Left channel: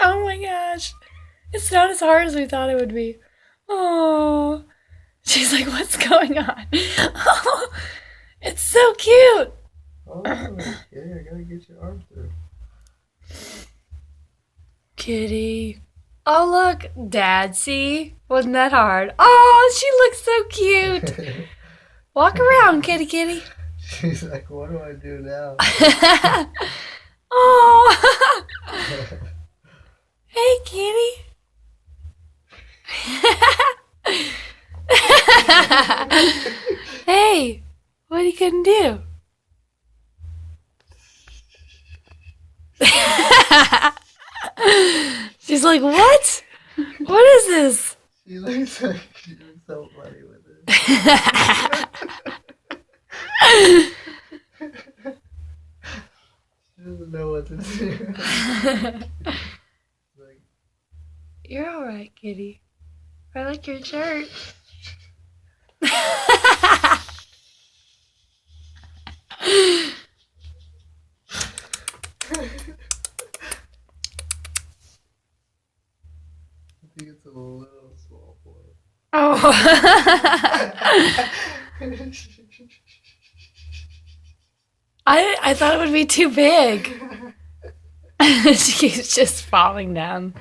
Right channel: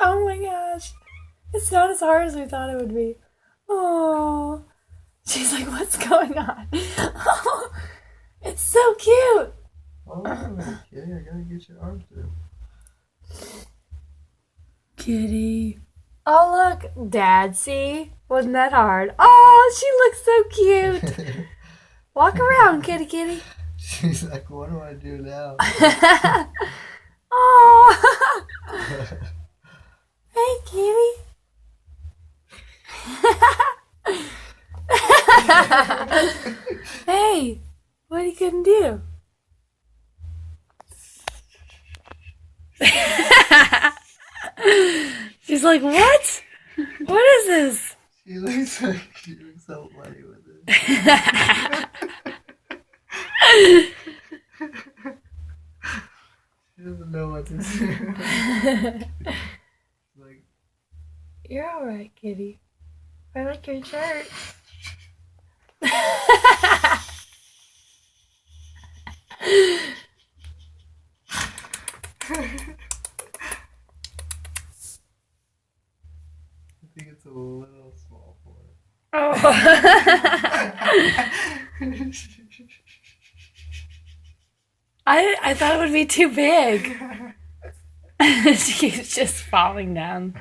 Oh my gosh. It's not as hard as we thought it would be. Oh. She's like, what's going on? Oh, it's so cute. Oh, okay. I gotta get your arm through. Kitty. Oh, look. Dad, see? Wasn't that hard? Oh, she looks so cute. Walk around, kitty kitty. She's like, what do I do now? Oh. Hey, kitty. Hey, what are you gonna do? She's like, what? What is this? She looks so funny with it. She doesn't know what to do. Like, You're alright, kitty. I like your shirt. I think it's a little small for her. Oh. I thought it would be too big. She keeps just falling down.